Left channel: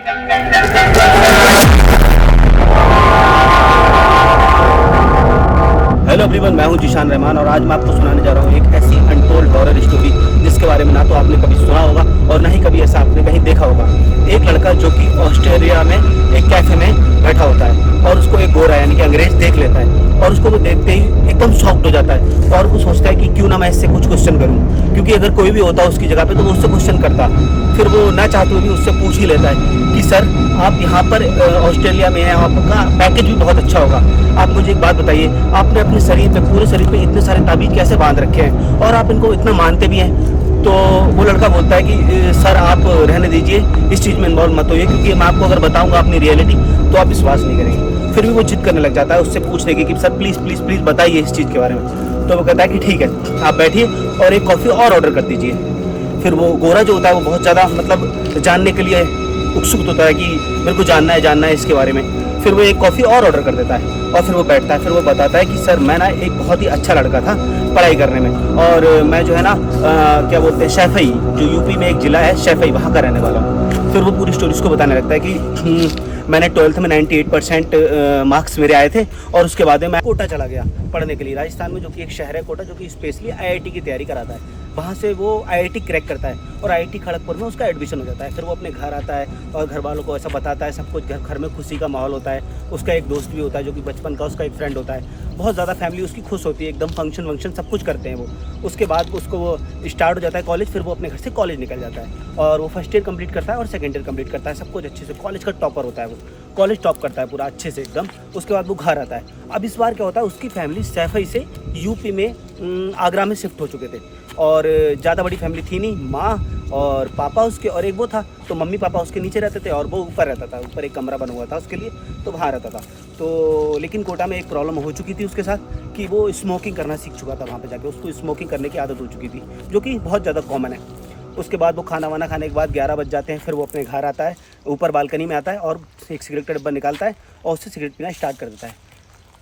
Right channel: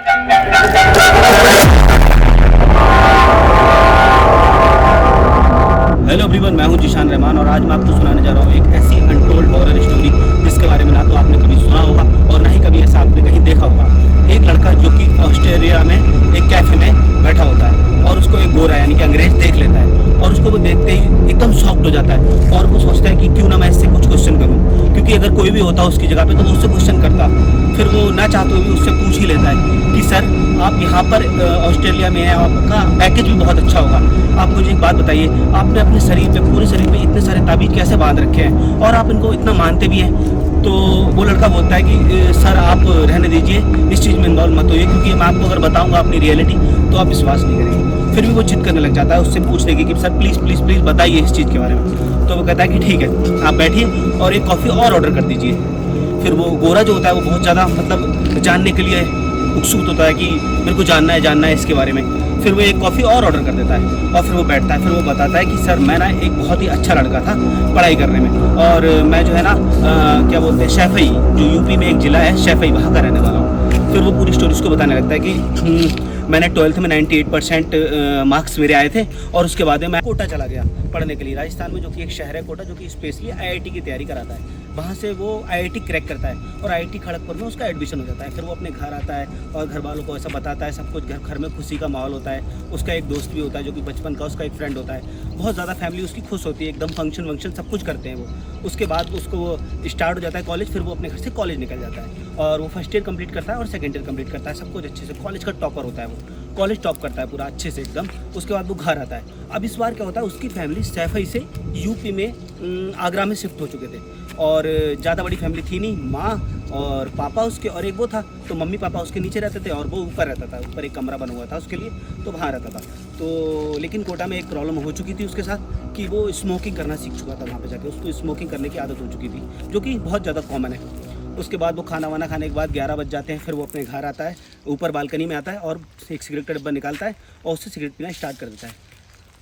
Hello everyone, मैं हूं जीशान रहमान और आज मैं आपको सुनाने जा रहा हूं एक ऐसी अनटोल्ड हॉरर स्टोरी जिसके बारे में ना तो आपने कभी सुना होगा और ना ही कभी ऐसा आपने कहीं देखा होगा। एक लड़का जो कि ऑस्ट्रेलिया में एक कैफे में बैठा होता है और उसको एक गोरा यानी कि अंग्रेज देख लेता है और उसको वो देखते ही एकदम शॉक्ड हो जाता है और वो सोचता है कि क्यों ना मैं इससे कुछ क्वेश्चन करूँ, क्योंकि अगर कोई भी होता उसकी जगह पे तो वो उससे क्वेश्चन करता। फिर वो ना चाहते हुए भी उससे पूछ ही लेता है कि सर आप यहाँ पर ऑस्ट्रेलिया में हैं, आपका पैकेज भी बहुत अच्छा होगा, आप मुझे एक बात बताइए, आपने अपने शरीर पे, पूरे शरीर पे इतने सारे ताबीज कैसे बांध रखे हैं और आप इनको इतना मानते भी हैं? तो वो लड़का बोलता है कि सर आप रहने दीजिए, इस चीज़ में इन्वॉल्व मत होइए, क्योंकि मैं आपको अगर बताऊंगा अपनी रियलिटी तो आप विश्वास नहीं करेंगे। फिर भी वो जिद करने लग जाता है उससे पूछने की कि सर प्लीज़ प्लीज़ प्लीज़ बताइए इस चीज़ के बारे में। तो वो कहता है कि ठीक है, आप बैठिए और एक कॉफ़ी और ऑर्डर कर दीजिए। फिर वो गोरा जो होता है वो बहुत ज़्यादा मतलब जानने के लिए उत्सुक होता है कि मेरे को जानना है इसके बारे में। फिर वो एक कॉफ़ी और ऑर्डर कर देता है और फिर वो बैठता है। फिर वो बताता है कि सर मैं ना एक बहुत ही अच्छा लड़का था पढ़ाई करने में और मैं जो है ना क्या बोलते हैं, शैफई, जो यूपी में एक ज़िला है शैफई, वहाँ का रहने वाला हूँ। फिर वो पूरी स्टोरी उसको बताने लगता है कि मैंने 12th में 98% मार्क्स मेरे आए थे और उसके बाद में मैं कोटा चला गया पढ़ने के लिए, राजस्थान में जो कि एक शहर है कोटा, जो कि स्पेशली आईआईटी की तैयारी कराता है। वहाँ से वो आईआईटी क्रैक करता है और आईआईटी खड़गपुर में उसका एडमिशन हो जाता है। फिर वो अपने घर आता है और घर वालों को ऐसा बताता है, सब कुछ घर में खुशी का माहौल होता है। उसका एक दोस्त भी होता है जो कि बचपन का उसका एक फ्रेंड होता है। बहुत ज़्यादा फैमिली उसकी खुश होती है, एकदम फंक्शन वंक्शन सब कुछ करते हैं वो। उसके बाद उसको वो स्टार्ट हो जाता है कॉलेज। फिर वो अपने घर से कॉलेज निकल जाता है और वो फर्स्ट ईयर कंप्लीट करता है और सेकंड ईयर कंप्लीट करता है, सब कुछ अच्छे से। कॉलेज का टॉपर होता है वो, कॉलेज टॉप करता है पूरा अच्छे से एकदम। उसके बाद वो घर आता है। अब इस बार क्या होता है, उसकी फैमिली सैफई से यूपी में आगरा में शिफ्ट हो चुके थे और ज़्यादा बड़ी फैमिली थी नहीं, माँ और पापा उसके और एक वो था। तो मम्मी पापा उसके नीचे रहते थे और वो ऊपर रहता था, ऊपर एक कमरा बना हुआ था उसके लिए, तो वहाँ रहता था। तो लेकिन कोटा में एक प्रॉब्लम हो चुकी थी उसके साथ कि वो स्मोकिंग करना सीख चुका था। वहाँ पे जाके उसको स्मोकिंग करने की आदत हो चुकी थी, जो कि बहुत ज़्यादा कॉमन है। उसके बाद वो खाना वाना खाने के बाद 11 बज जाते हैं। फिर वो अपने घर आता है, ऊपर बालकनी में आता है और एक सिगरेट का डिब्बा निकालता है और उससे सिगरेट पीना स्टार्ट कर देता है।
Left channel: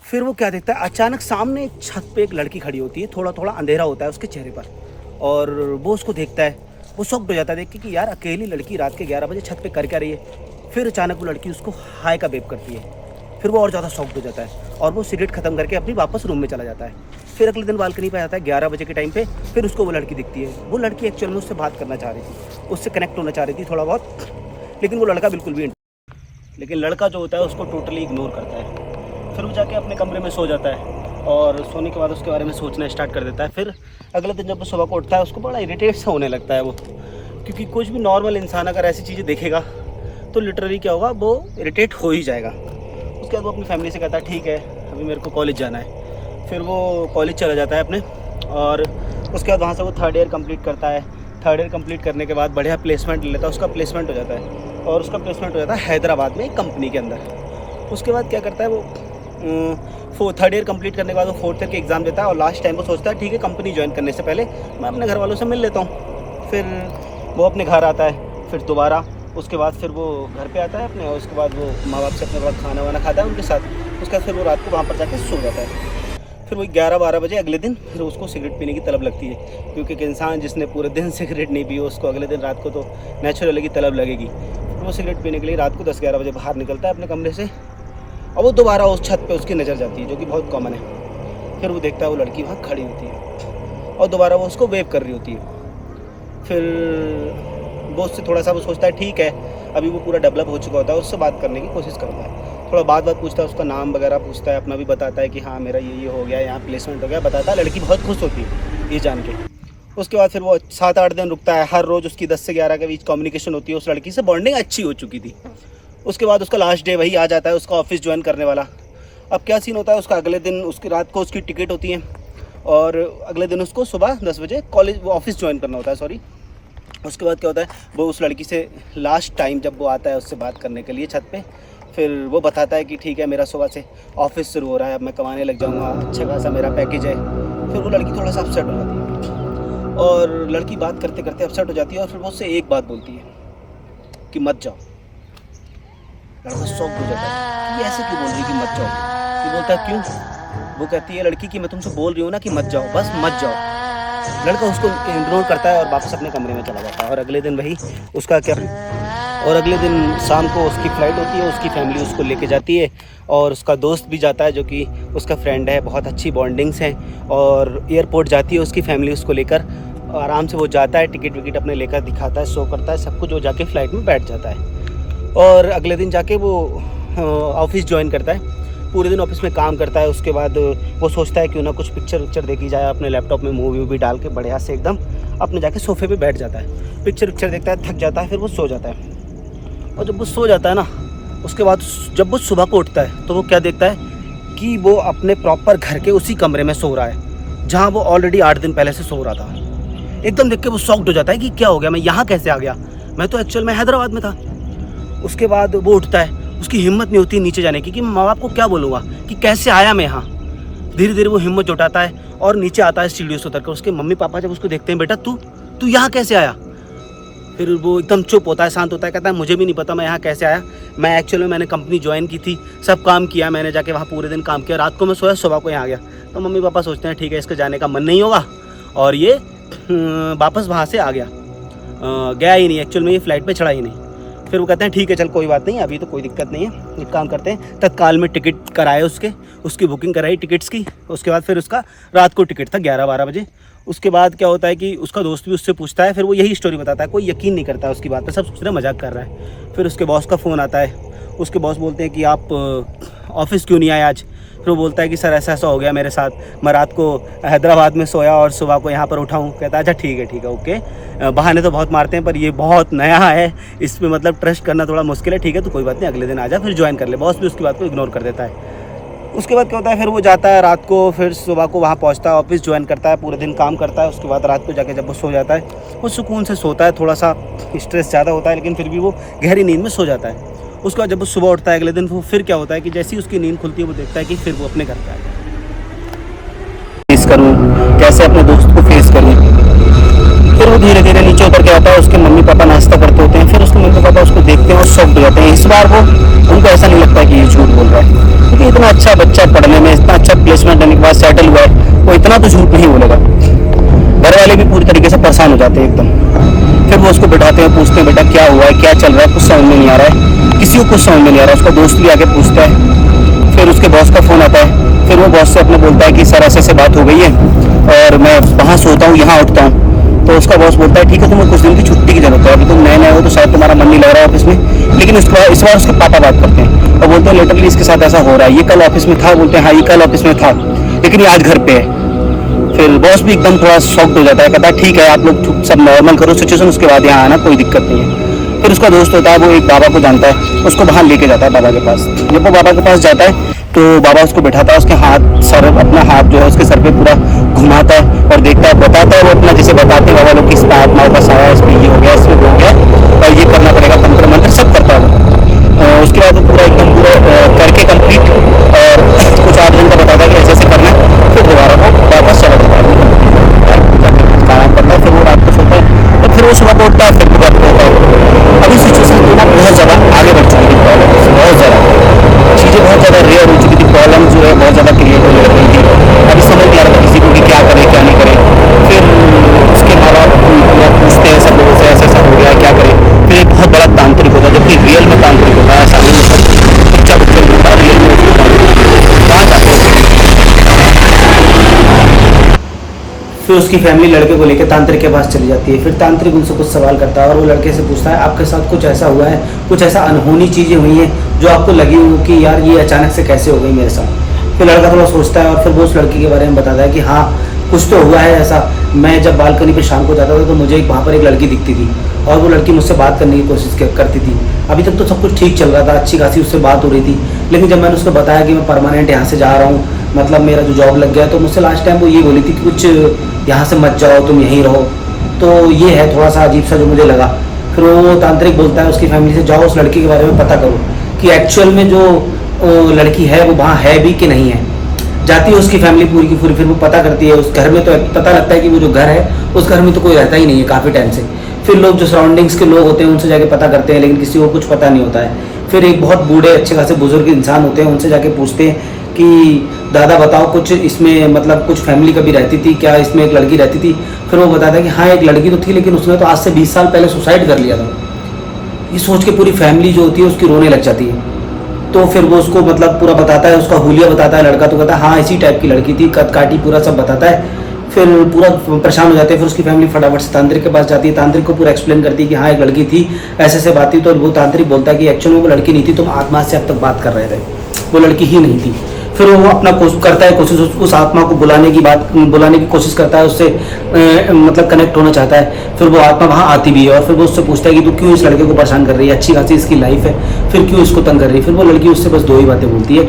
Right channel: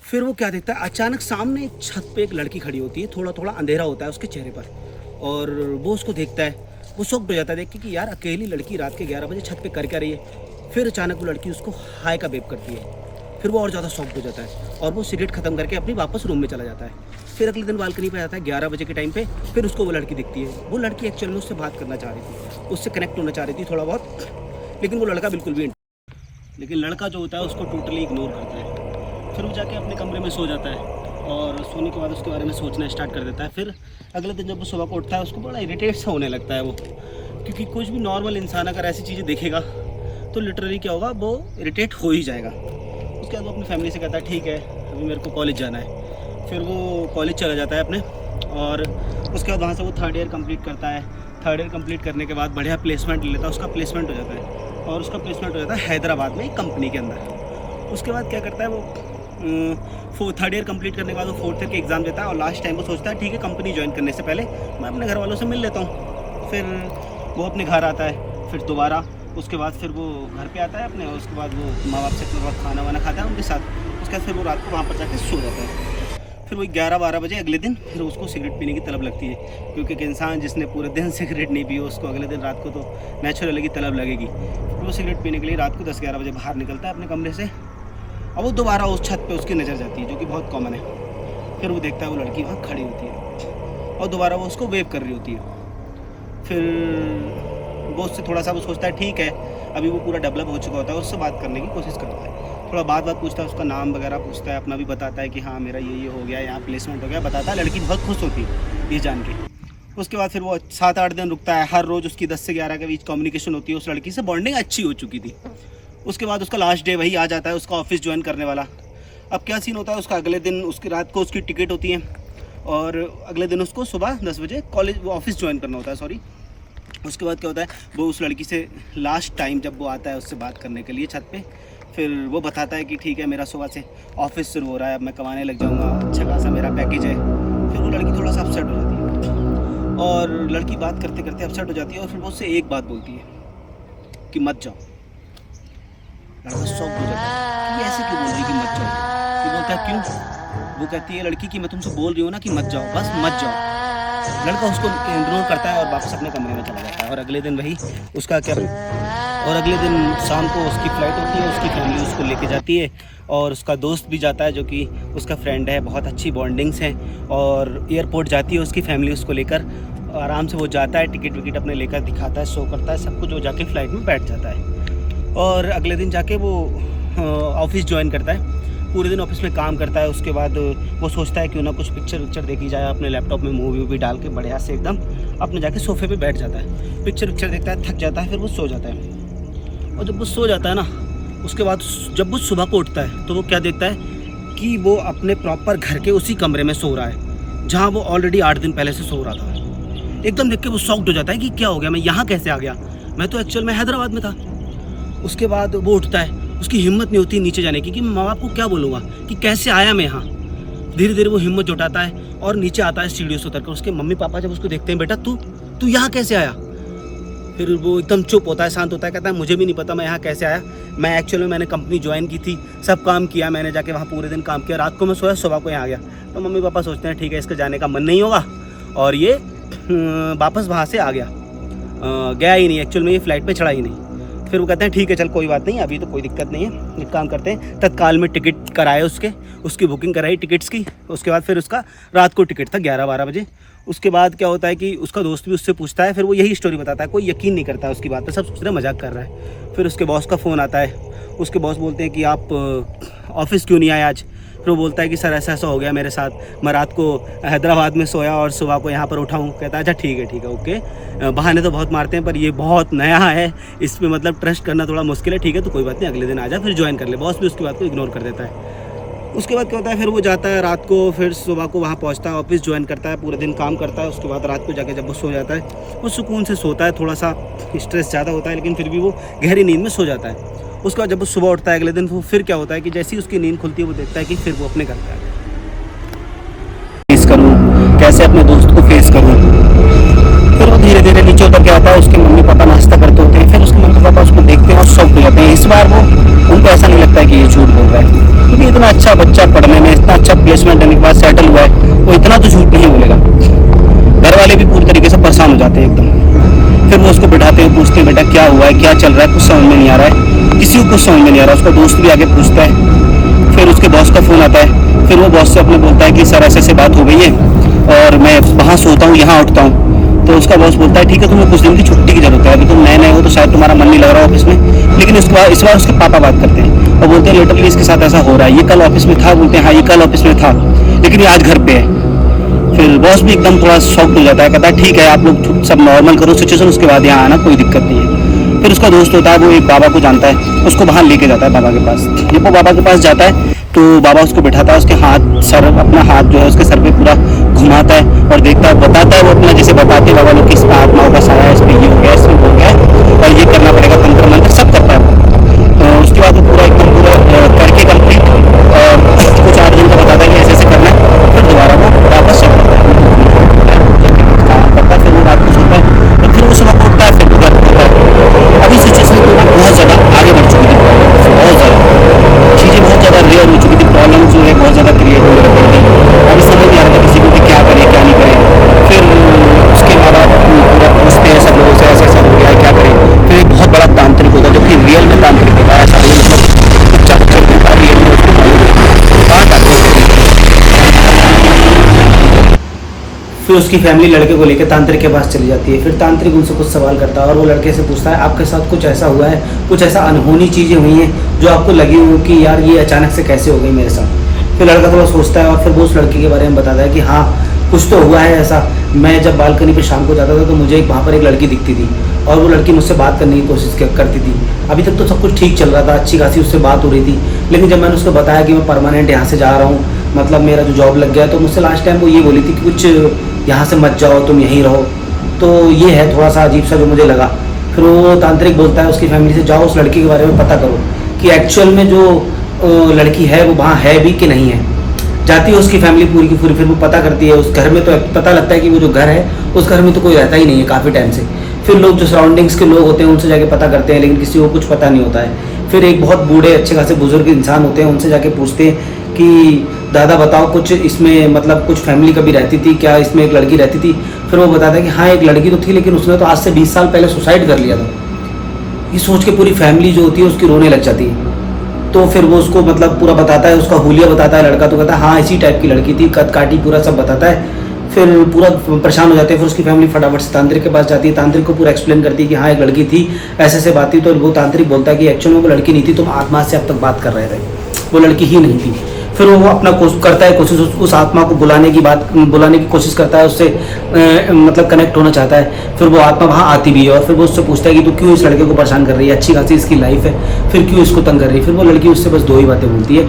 फिर वो क्या देखता है, अचानक सामने एक छत पे एक लड़की खड़ी होती है, थोड़ा थोड़ा अंधेरा होता है उसके चेहरे पर और वो उसको देखता है। वो शॉक्ड हो जाता है देख के कि यार अकेली लड़की रात के 11 बजे छत पे कर क्या रही है। फिर अचानक वो लड़की उसको हाय का वेव करती है। फिर वो और ज़्यादा शॉक्ड हो जाता है और वो सिगरेट ख़त्म करके अपनी वापस रूम में चला जाता है। फिर अगले दिन बालकनी पे आता है 11 बजे के टाइम पे। फिर उसको वो लड़की दिखती है। वो लड़की एक्चुअल में उससे बात करना चाह रही थी, उससे कनेक्ट होना चाह रही थी थोड़ा बहुत, लेकिन वो लड़का बिल्कुल भी, लेकिन लड़का जो होता है उसको टोटली इग्नोर करता है। फिर वो जाके अपने कमरे में सो जाता है और सोने के बाद उसके बारे में सोचना स्टार्ट कर देता है। फिर अगले दिन जब वो सुबह को उठता है उसको बड़ा इरिटेट सा होने लगता है वो, क्योंकि कुछ भी नॉर्मल इंसान अगर ऐसी चीज़ें देखेगा तो लिटरली क्या होगा, वो इरिटेट हो ही जाएगा। उसके बाद वो अपनी फैमिली से कहता है ठीक है अभी मेरे को कॉलेज जाना है। फिर वो कॉलेज चला जाता है अपने और उसके बाद वहाँ से वो 3rd ईयर कंप्लीट करता है। 3rd ईयर कंप्लीट करने के बाद बढ़िया प्लेसमेंट ले लेता है, उसका प्लेसमेंट हो जाता है और उसका प्लेसमेंट हो जाता है हैदराबाद में एक कंपनी के अंदर। उसके बाद क्या करता है वो 3rd ईयर कंप्लीट करने के बाद वो 4th ईयर के एग्ज़ाम देता है और लास्ट टाइम वो सोचता है ठीक है कंपनी ज्वाइन करने से पहले मैं अपने घर वालों से मिल लेता हूँ। फिर वो अपने घर आता है, फिर दोबारा उसके बाद फिर वो घर पे आता है अपने और उसके बाद वो माँ बाप से अपने बाद खाना वाना खाता है उनके साथ। उसके बाद फिर वो रात को वहाँ पर जाके सो जाता है। फिर वही 11-12 बजे अगले दिन फिर उसको सिगरेट पीने की तलब लगती है, क्योंकि एक इंसान जिसने पूरे दिन सिगरेट नहीं पी उसको अगले दिन रात को तो नेचुरली की तलब लगेगी। फिर वो सिगरेट पीने के लिए रात को 10-11 बजे बाहर निकलता है अपने कमरे से और वो दोबारा उस छत पे उसकी नज़र जाती है, जो कि बहुत कॉमन है। फिर वो देखता है वो लड़की वहाँ खड़ी होती है और दोबारा वो उसको वेव कर रही होती है। फिर वो उससे थोड़ा सा वो सोचता है ठीक है अभी वो पूरा डेवलप हो चुका होता है, उससे बात करने की कोशिश करता है। थोड़ा बात पूछता है, उसका नाम वगैरह पूछता है, अपना भी बताता है कि हाँ मेरा ये हो गया, यहाँ प्लेसमेंट हो गया, बताता है। लड़की बहुत खुश होती है ये जान के। उसके बाद फिर वो 7-8 दिन रुकता है। हर रोज़ उसकी 10 से 11 के बीच कम्युनिकेशन होती है, उस लड़की से बॉन्डिंग अच्छी हो चुकी थी। उसके बाद उसका लास्ट डे वही आ जाता है, उसका ऑफिस ज्वाइन करने वाला। अब क्या सीन होता है, उसका अगले दिन उसकी रात को उसकी टिकट होती है और अगले दिन उसको सुबह 10 बजे कॉलेज वो ऑफिस ज्वाइन करना होता है, सॉरी। उसके बाद क्या होता है, वो उस लड़की से लास्ट टाइम जब वो आता है उससे बात करने के लिए छत पे, फिर वो बताता है कि ठीक है मेरा सुबह से ऑफिस शुरू हो रहा है, अब मैं कमाने लग जाऊंगा, अच्छा खासा मेरा पैकेज है। फिर वो लड़की थोड़ा सा अपसेट हो जाती है और लड़की बात करते करते अपसेट हो जाती है और फिर वो उससे एक बात बोलती है कि मत जाओ। लड़का शॉक हो जाता है कि ऐसे क्यों बोल रही कि मत जाओ। वो बोलता है क्यों? वो कहती है लड़की कि मैं तुमसे बोल रही हूँ ना कि मत जाओ, बस मत जाओ। लड़का उसको इग्नोर करता है और वापस अपने कमरे में चला जाता है। और अगले दिन वही उसका क्या और अगले दिन शाम को उसकी फ़्लाइट होती है, उसकी फैमिली उसको लेके जाती है और उसका दोस्त भी जाता है जो कि उसका फ्रेंड है, बहुत अच्छी बॉन्डिंग्स हैं। और एयरपोर्ट जाती है उसकी फैमिली उसको लेकर, आराम से वो जाता है, टिकट विकट अपने लेकर दिखाता है, शो करता है सब कुछ, वो जाके फ़्लाइट में बैठ जाता है। और अगले दिन जाके वो ऑफिस ज्वाइन करता है, पूरे दिन ऑफिस में काम करता है। उसके बाद वो सोचता है क्यों ना कुछ पिक्चर विक्चर देखी जाए, अपने लैपटॉप में मूवी वूवी डाल के बढ़िया से एकदम अपने जाके सोफे पे बैठ जाता है, पिक्चर विक्चर देखता है, थक जाता है, फिर वो सो जाता है। और जब वो सो जाता है ना, उसके बाद जब वो सुबह को उठता है तो वो क्या देखता है कि वो अपने प्रॉपर घर के उसी कमरे में सो रहा है जहाँ वो ऑलरेडी 8 दिन पहले से सो रहा था। एकदम देख के वो शॉक्ड हो जाता है कि क्या हो गया, मैं यहाँ कैसे आ गया, मैं तो एक्चुअल में हैदराबाद में था। उसके बाद वो उठता है, उसकी हिम्मत नहीं होती नीचे जाने की कि मैं माँ बाप को क्या बोलूँगा कि कैसे आया मैं यहाँ। धीरे धीरे वो हिम्मत जुटाता है और नीचे आता है सीढ़ियों से उतरकर। उसके मम्मी पापा जब उसको देखते हैं, बेटा तू यहाँ कैसे आया, फिर वो एकदम चुप होता है, शांत होता है, कहता है मुझे भी नहीं पता मैं यहाँ कैसे आया, मैं एक्चुअली मैंने कंपनी ज्वाइन की थी, सब काम किया मैंने, जाके वहाँ पूरे दिन काम किया, रात को मैं सोया, सुबह को यहाँ आ गया। तो मम्मी पापा सोचते हैं ठीक है इसके जाने का मन नहीं होगा, और ये वापस वहाँ से आ गया, गया ही नहीं, एक्चुअल में ये फ़्लाइट पे चढ़ा ही नहीं। फिर वो कहते हैं ठीक है चल कोई बात नहीं, अभी तो कोई दिक्कत नहीं है, एक काम करते हैं, तत्काल में टिकट कराए उसकी बुकिंग कराई टिकट्स की। उसके बाद फिर उसका रात को टिकट था 11-12 बजे। उसके बाद क्या होता है कि उसका दोस्त भी उससे पूछता है, फिर वो यही स्टोरी बताता है, कोई यकीन नहीं करता है उसकी बात पर, सब सोच रहे मजाक कर रहा है। फिर उसके बॉस का फ़ोन आता है, उसके बॉस बोलते हैं कि आप ऑफिस क्यों नहीं आए आज। फिर वो बोलता है कि सर ऐसा हो गया मेरे साथ, मैं रात को हैदराबाद में सोया और सुबह को यहाँ पर उठा हूँ। कहता है अच्छा ठीक है ओके, बहाने तो बहुत मारते हैं पर ये बहुत नया है, इस पर मतलब ट्रस्ट करना थोड़ा मुश्किल है, ठीक है तो कोई बात नहीं, अगले दिन आ जा, फिर ज्वाइन कर ले। बॉस भी उसकी बात को इग्नोर कर देता है। उसके बाद क्या होता है, फिर वो जाता है रात को, फिर सुबह को वहाँ पहुँचता है, ऑफिस ज्वाइन करता है, पूरे दिन काम करता है। उसके बाद रात को जाके जब वो सो जाता है, वो सुकून से सोता है, थोड़ा सा स्ट्रेस ज़्यादा होता है लेकिन फिर भी वो गहरी नींद में सो जाता है। उसके बाद जब वो सुबह उठता है अगले दिन, वो फिर क्या होता है कि जैसे ही उसकी नींद खुलती है वो देखता है कि फिर वो अपने घर पे आ गया। फेस करूँ कैसे, अपने दोस्त को फेस करूँ। फिर वो धीरे धीरे नीचे उतर के आता है, उसके मम्मी पापा नाश्ता करते होते हैं, फिर उसके मम्मी पापा उसको देखते हैं और शॉक्ड हो जाते हैं। इस बार वो उनको ऐसा नहीं लगता है कि ये झूठ बोल रहा है, क्योंकि इतना अच्छा बच्चा पढ़ने में, इतना अच्छा प्लेसमेंट लेने के बाद सेटल हुआ है, वो इतना तो झूठ नहीं बोलेगा। घर वाले भी पूरी तरीके से परेशान हो जाते हैं एकदम। फिर वो उसको बिठाते हैं, पूछते हैं बेटा क्या हुआ है, क्या चल रहा है, कुछ समझ में नहीं आ रहा है, किसी को कुछ समझ में नहीं आ रहा है। उसका दोस्त भी आगे पूछता है। फिर उसके बॉस का फ़ोन आता है, फिर वो बॉस से अपने बोलता है कि सर ऐसे बात हो गई है और मैं वहाँ सोता हूँ यहाँ उठता हूँ। तो उसका बॉस बोलता है ठीक है तुम्हें कुछ दिन की छुट्टी की जरूरत है, अभी तुम नए हो तो शायद तुम्हारा मन नहीं लग रहा ऑफिस में। लेकिन इस बार उसके पापा बात करते हैं और बोलते हैं लिटरली इसके साथ ऐसा हो रहा है, ये कल ऑफिस में था। बोलते हैं हाँ ये कल ऑफिस में था लेकिन ये आज घर पे है। फिर बॉस भी एकदम थोड़ा शॉक्ड हो जाता है, कहता है ठीक है आप लोग सब नॉर्मल करो सिचुएशन, उसके बाद यहाँ आना, कोई दिक्कत नहीं है। फिर उसका दोस्त होता है, वो एक बाबा को जानता है, उसको वहाँ लेके जाता है बाबा के पास। जब वो बाबा के पास जाता है तो बाबा उसको बैठाता है, उसके अपना हाथ जो है उसके सर पे पूरा घुमाता है और देखता है, बताता है वो अपना जैसे बताते हैं बाबा लोग कि इस पर आत्माओं का साया है, इस पर ये हो गया, इसमें वो हो गया और ये करना पड़ेगा, तंत्र मंत्र सब करता है वो। उसके बाद वो पूरा एकदम पूरा करके कंप्लीट और कुछ 8 दिन का बताता है कि ऐसे ऐसे करना है। फिर दोबारा वो वापस चला जाता है, काम करता है, फिर वो रात को सोता है, तो फिर वो सुबह को उठता है, फिर वो घर होता है। अभी सिचुएशन तो ना बहुत ज़्यादा आगे बढ़ चुकी थी, प्रॉब्लम बहुत ज़्यादा, चीज़ें बहुत ज़्यादा रेयर हो चुकी थी, प्रॉब्लम जो है बहुत ज़्यादा क्रिएट होने लग गई थी। अभी समझ नहीं आ रहा था किसी को कि क्या करे क्या नहीं करे। फिर उसके माँ बाप पूरा पूछते हैं सब लोगों से ऐसा ऐसा हो गया है क्या करे। फिर एक बहुत बड़ा तांत्रिक होता है, जबकि रियल में तांत्रिक होता है, ऐसा नहीं मतलब बच्चा होता है, रियल में उसको मालूम कहाँ जाते हैं। फिर उसकी फैमिली लड़के को लेकर तांत्रिक के पास चली जाती है। फिर तांत्रिक उनसे कुछ सवाल करता है और वो लड़के से पूछता है आपके साथ कुछ ऐसा हुआ है, कुछ ऐसा अनहोनी चीज़ें हुई हैं जो आपको लगी हो कि यार ये अचानक से कैसे हो गई मेरे साथ। फिर लड़का थोड़ा सोचता है और फिर वो उस लड़की के बारे में बताता है कि हाँ कुछ तो हुआ है ऐसा। मैं जब बालकनी पर शाम को जाता था तो मुझे वहाँ पर एक लड़की दिखती थी और वो लड़की मुझसे बात करने की कोशिश करती थी। अभी तक तो सब कुछ ठीक चल रहा था, अच्छी खासी उससे बात हो रही थी, लेकिन जब मैंने उसको बताया कि मैं परमानेंट यहाँ से जा रहा हूँ, मतलब मेरा जो जॉब लग गया, तो मुझसे लास्ट टाइम वो ये बोली थी कि कुछ यहाँ से मत जाओ, तुम यहीं रहो। तो ये है थोड़ा सा अजीब सा जो मुझे लगा। फिर वो तांत्रिक बोलता है उसकी फैमिली से जाओ उस लड़की के बारे में पता करो कि एक्चुअल में जो लड़की है वो वहाँ है भी कि नहीं है। जाती है उसकी फैमिली पूरी की पूरी, फिर वो पता करती है उस घर में, तो पता लगता है कि वो जो घर है उस घर में तो कोई रहता ही नहीं है काफ़ी टाइम से। फिर लोग जो सराउंडिंग्स के लोग होते हैं उनसे जाके पता करते हैं, लेकिन किसी को कुछ पता नहीं होता है। फिर एक बहुत बूढ़े अच्छे खासे बुजुर्ग इंसान होते हैं, उनसे जाके पूछते हैं कि दादा बताओ कुछ इसमें मतलब कुछ फैमिली कभी रहती थी क्या, इसमें एक लड़की रहती थी। फिर वो बताता है कि हाँ एक लड़की तो थी लेकिन उसने तो आज से 20 साल पहले सुसाइड कर लिया था। ये सोच के पूरी फैमिली जो होती है उसकी रोने लग जाती है। तो फिर वो उसको मतलब पूरा बताता है, उसका हुलिया बताता है लड़का, तो कहता है हाँ इसी टाइप की लड़की थी, कद काटी, पूरा सब बताता है। फिर पूरा परेशान हो जाते हैं। फिर उसकी फैमिली फटाफट से तांत्रिक के पास जाती है, तांत्रिक को पूरा एक्सप्लेन करती है कि हाँ एक लड़की थी, ऐसे से बात थी। तो वो तांत्रिक बोलता है कि एक्चुअल में वो लड़की नहीं थी, तुम आत्मा से अब तक बात कर रहे थे, वो लड़की ही नहीं थी। फिर वो अपना करता है कोशिश, उस आत्मा को बुलाने की कोशिश करता है, उससे मतलब कनेक्ट होना चाहता है। फिर वो आत्मा वहाँ आती भी है और फिर वो उससे पूछता है कि तू क्यों इस लड़के को परेशान कर रही है, अच्छी खासी इसकी लाइफ है, फिर क्यों इसको तंग कर रही है। फिर वो लड़की उससे बस दो ही बातें बोलती है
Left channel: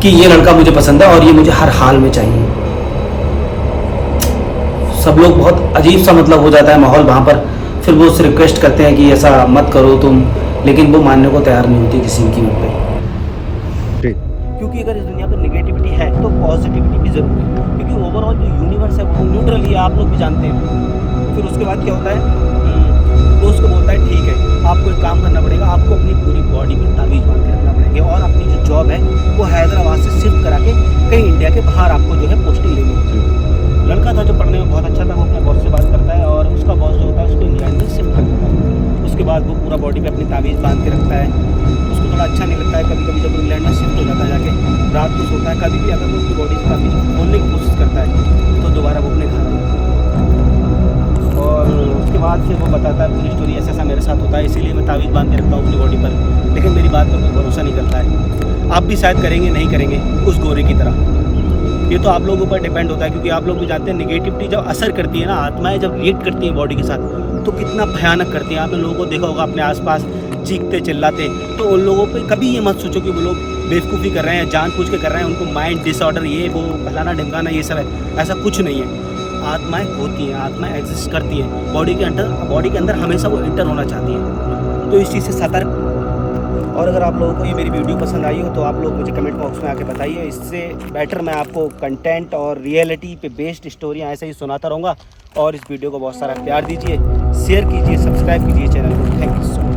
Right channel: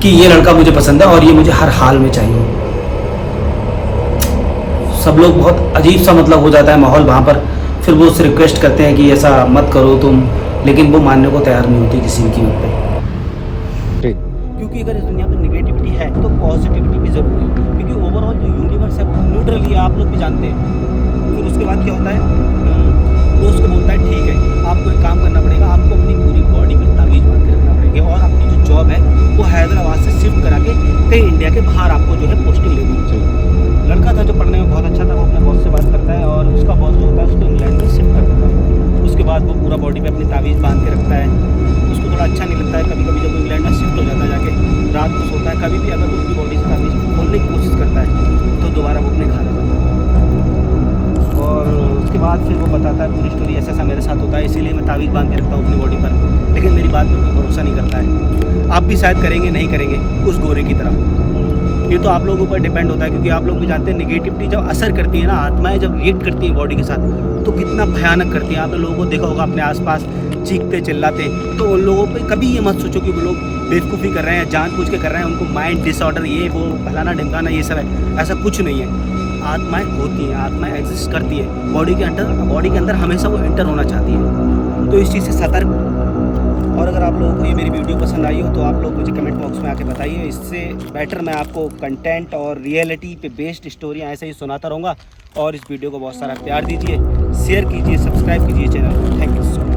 कि ये लड़का मुझे पसंद है और ये मुझे हर हाल में चाहिए। सब लोग बहुत अजीब सा मतलब हो जाता है माहौल वहाँ पर। फिर वो उससे रिक्वेस्ट करते हैं कि ऐसा मत करो तुम, लेकिन वो मानने को तैयार नहीं होती किसी की कीमत पे। क्योंकि अगर इस दुनिया पर नेगेटिविटी है तो पॉजिटिविटी भी ज़रूरी है, क्योंकि ओवरऑल जो यूनिवर्स है वो न्यूट्रल ही है, आप लोग भी जानते हैं। फिर उसके बाद क्या होता है, वो उसको बोलता है ठीक है आपको एक काम करना पड़ेगा, आपको अपनी पूरी बॉडी में तावीज़ बांध के रखना पड़ेगा और अपनी जो जॉब है वो हैदराबाद से शिफ्ट करा के कहीं इंडिया के बाहर आपको जो है पोस्टिंग लेनी है। लड़का था जो पढ़ने में बहुत अच्छा था, वो अपने बॉस से बात करता है और उसका बॉस जो होता है उसको इंग्लैंड में शिफ्ट कर देता है। उसके बाद वो पूरा बॉडी पे अपनी तावीज़ बांध के रखता है। उसको थोड़ा अच्छा नहीं लगता है, कभी कभी जब वो इंग्लैंड में शिफ्ट हो जाता है जाके रात को सोता है, कभी भी अगर वो उसकी बॉडी से तावीज़ खोलने की कोशिश करता है तो दोबारा वो अपने घर आ जाता है। और उसके बाद फिर वो बताता है पूरी स्टोरी, ऐसा ऐसा मेरे साथ होता है, इसीलिए मैं तावीज़ बांध के रखता हूँ अपनी बॉडी पर, लेकिन मेरी बात पर कोई भरोसा नहीं करता है। आप भी शायद करेंगे नहीं करेंगे उस गोरे की तरह, ये तो आप लोगों पर डिपेंड होता है। क्योंकि आप लोग भी जानते हैं नेगेटिविटी जब असर करती है ना, आत्माएं जब रिएक्ट करती हैं बॉडी के साथ तो कितना भयानक करती हैं। आपने लोगों को देखा होगा अपने आसपास चीखते चिल्लाते, तो उन लोगों पे कभी ये मत सोचो कि वो लोग बेवकूफ़ी कर रहे हैं, जानबूझ के कर रहे हैं, उनको माइंड डिसऑर्डर ये वो फलाना ढिमकाना ये सब है, ऐसा कुछ नहीं है। आत्माएं होती हैं, आत्माएं एग्जिस्ट करती है बॉडी के अंदर हमेशा वो एंटर होना चाहती है। तो इस चीज़ से सतर्क। और अगर आप लोगों को ये मेरी वीडियो पसंद आई हो तो आप लोग मुझे कमेंट बॉक्स में आके बताइए, इससे बेटर मैं आपको कंटेंट और रियलिटी पे बेस्ड स्टोरियाँ ऐसे ही सुनाता रहूँगा। और इस वीडियो को बहुत सारा प्यार दीजिए, शेयर कीजिए, सब्सक्राइब कीजिए चैनल को। Thank you so much.